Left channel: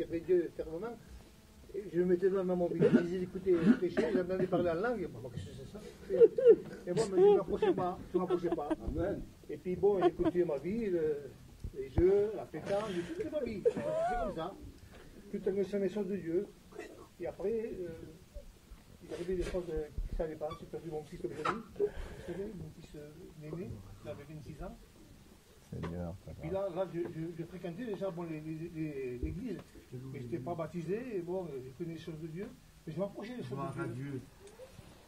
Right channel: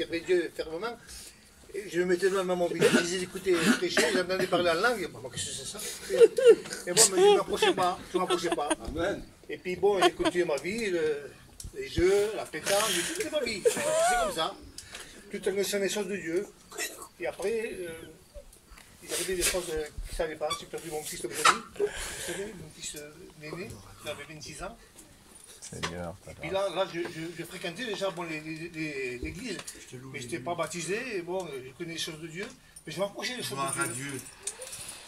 servais Dieu fermement. Et je me mettais devant mon village, je disais écoutez, prêcher, j'entendais parler en langue, bon, qu'est-ce que c'est ça? Et bon, mais je ne m'approchais pas. Amen. Et puis bon, j'ai continué ma vie, les jeux, la pétanque, toute ma vie. C'est comme ça. Tout en connaissant les choses de Dieu. Et après, il y avait des choses qui ne savaient pas. J'ai perdu mon fils aujourd'hui. Vous savez, mon fils l'aîné, il avait 26 ans. Seigneur, et puis là je fréquentais déjà bon, l'église, mais je n'étais pas baptisé, et bon, je connais les choses de Dieu, mais je m'approchais des choses de Dieu.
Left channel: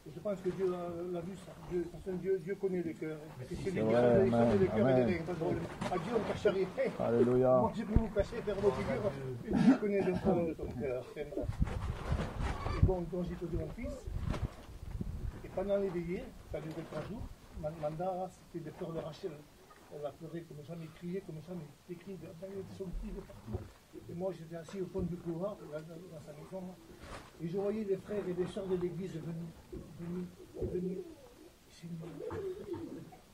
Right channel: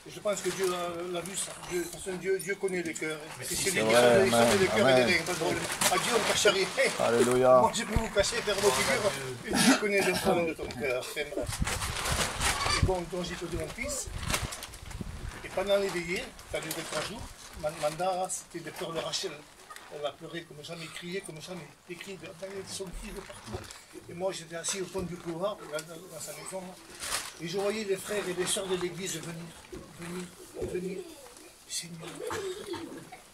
Et je pense que Dieu l'a vu ça. De toute façon, Dieu connaît les cœurs. C'est celui qui connaît les cœurs et les reins, pas de problème. À Dieu, on ne cache rien. Alléluia. Moi, je peux vous cacher, faire vos figures. Dieu connaît le fond de ton cœur. Et bon, donc j'ai posé mon fils. Et pendant les veillées, ça a duré 3 jours, Manda, c'était des pleurs de Rachel. Elle a pleuré comme jamais, crié comme jamais, écrit de son fils de partout. Et moi j'étais assis au fond du couloir, dans sa maison, et je voyais les frères et les sœurs de l'église venir. Seigneur,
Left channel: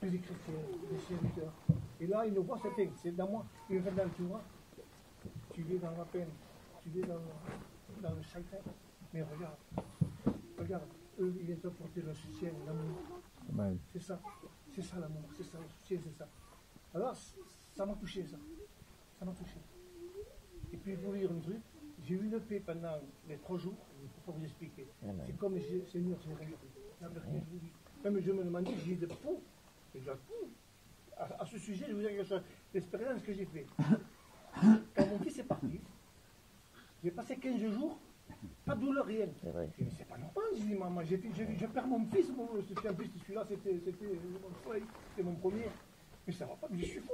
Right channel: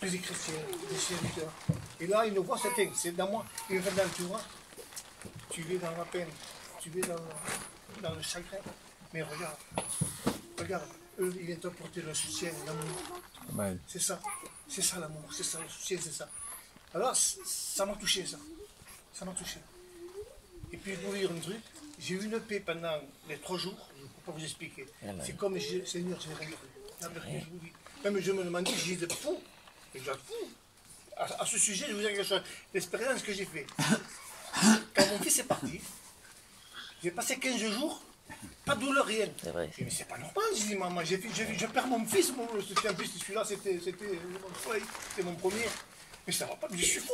tous les chrétiens, des serviteurs. Et là, ils nous voient, c'est dans moi. Ils me disent, tu vois, tu es dans la peine, tu es dans le chagrin. Mais regarde, eux, ils viennent t'apporter le soutien, l'amour. C'est ça l'amour, c'est ça le soutien, c'est ça. Alors, ça m'a touché, ça m'a touché. Et puis, pour vous dire un truc, j'ai eu une paix pendant les 3 jours, je ne peux pas vous expliquer. C'est comme, Seigneur, je n'ai rien cru. Même je me demandais, je disais fou. Et je fou. À ce sujet, je vous dire quelque chose, l'expérience que j'ai faite. Quand mon fils est parti, j'ai passé 15 jours, pas de douleur, rien. C'est vrai. Mais c'est pas normal, je dis maman, je perds mon fils, c'était un fils, celui-là, c'était mon soleil, c'était mon premier. Mais ça va pas, je suis fou.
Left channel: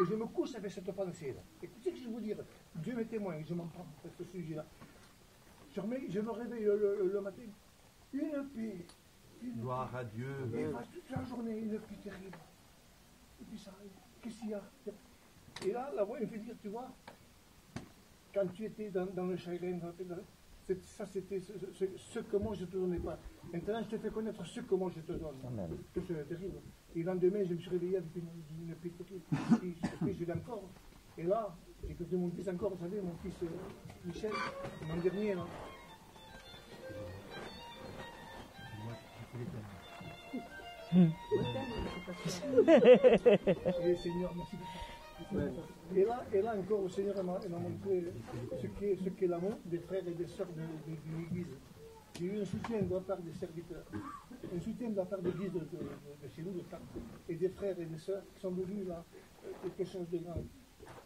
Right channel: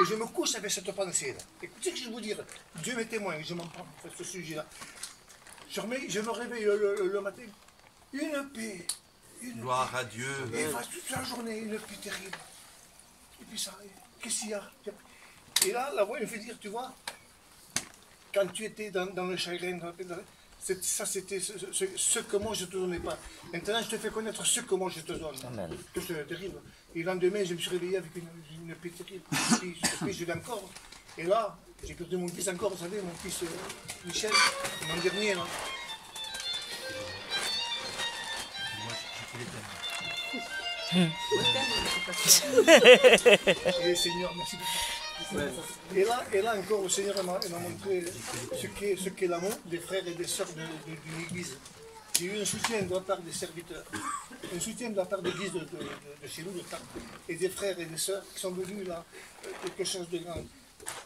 Et je me couche avec cette pensée-là. Écoutez ce que je vais vous dire, Dieu m'est témoin, je m'en prends sur ce sujet-là. Je me réveille le matin, une paix. Gloire à Dieu. Et toute la journée, une paix terrible. Et puis ça, qu'est-ce qu'il y a? Et là, la voix me fait dire, tu vois, quand tu étais dans le chagrin, ça c'était ce que moi je ne te donnais pas. Maintenant, je te fais connaître ce que moi je te donne. Amen. Que c'est terrible. Et le lendemain, je me suis réveillé avec une paix terrible. Et puis, je l'ai encore. Et là, j'ai perdu mon fils encore, vous savez, mon fils Michel, mon dernier. Là. Et Seigneur, merci beaucoup. Et là encore, le Seigneur m'a montré ce qu'est l'amour des frères et des sœurs de l'Église. J'ai eu un soutien de la part des serviteurs, un soutien de la part de l'Église de chez nous, et des frères et des sœurs qui sont venus là, quelque chose de grand.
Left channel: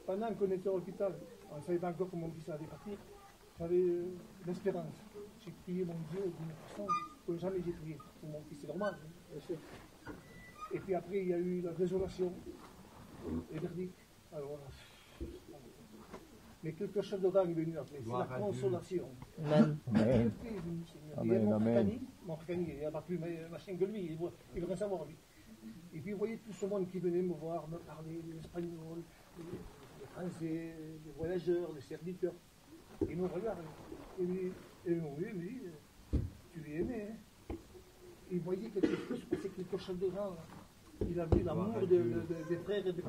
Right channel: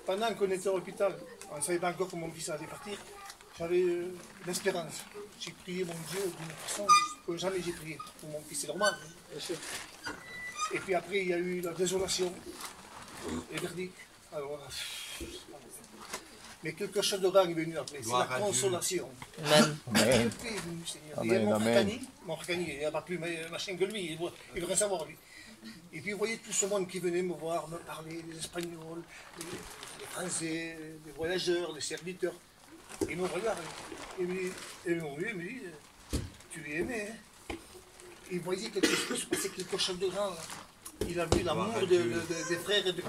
Pendant qu'on était à l'hôpital, on ne savait pas encore comment mon fils allait partir, j'avais l'espérance. J'ai prié mon Dieu d'une façon que jamais j'ai prié pour mon fils, c'est normal. Et puis après, il y a eu la désolation, les verdicts. Alors, mais quelque chose de grand est venu après, c'est la consolation. Amen. Amen. Et mon Fracani, il n'y a pas plus machin que lui, il veut rien savoir lui. Et puis vous voyez tout ce monde qui venait me voir, me parler, les Espagnols, les Français, les voyageurs, les serviteurs. Ils me regardent, et ils me disent, tu es aimé, hein? Il voyait quelque chose, se passait quelque chose de grand là. Il a vu l'amour des frères et de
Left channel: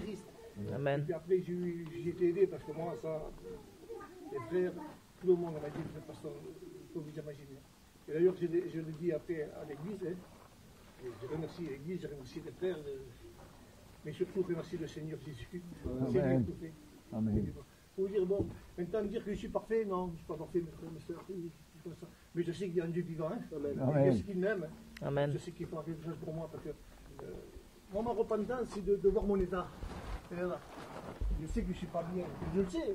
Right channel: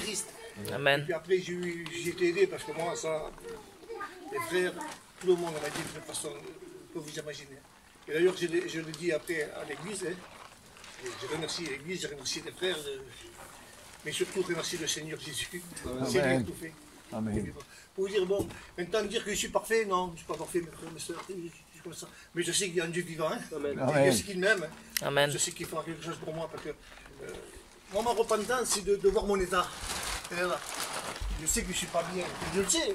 Christ. Amen. Et puis après, j'ai été aidé parce que moi, ça, les frères, tout le monde m'a dit de façon que vous imaginez. Et d'ailleurs, je le dis après à l'église, hein, je remercie l'église, je remercie les frères, mais surtout je remercie le Seigneur Jésus. C'est lui qui a tout fait. Amen. Pour vous dire, bon, maintenant dire que je suis parfait, non, je ne suis pas parfait, mes frères, mes soeurs, comme ça. Mais je sais qu'il y a un Dieu vivant, hein. Amen. Je sais qu'il m'aime. Amen. Je sais qu'il fera quelque chose pour moi parce que moi, ma repentance, c'est de voir mon état. Là. Je sais que je ne suis pas bien, je le sais,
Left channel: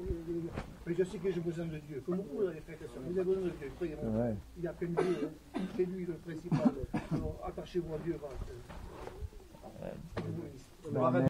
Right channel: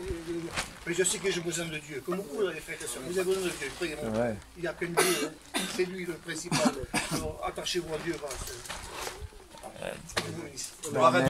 mais je sais que j'ai besoin de Dieu. Comme vous, les frères et sœurs, vous avez besoin de Dieu. Croyez-moi. Il n'y a qu'un Dieu, hein. C'est lui le principal. Alors attachez-vous à Dieu. Voilà. Gloire à Dieu.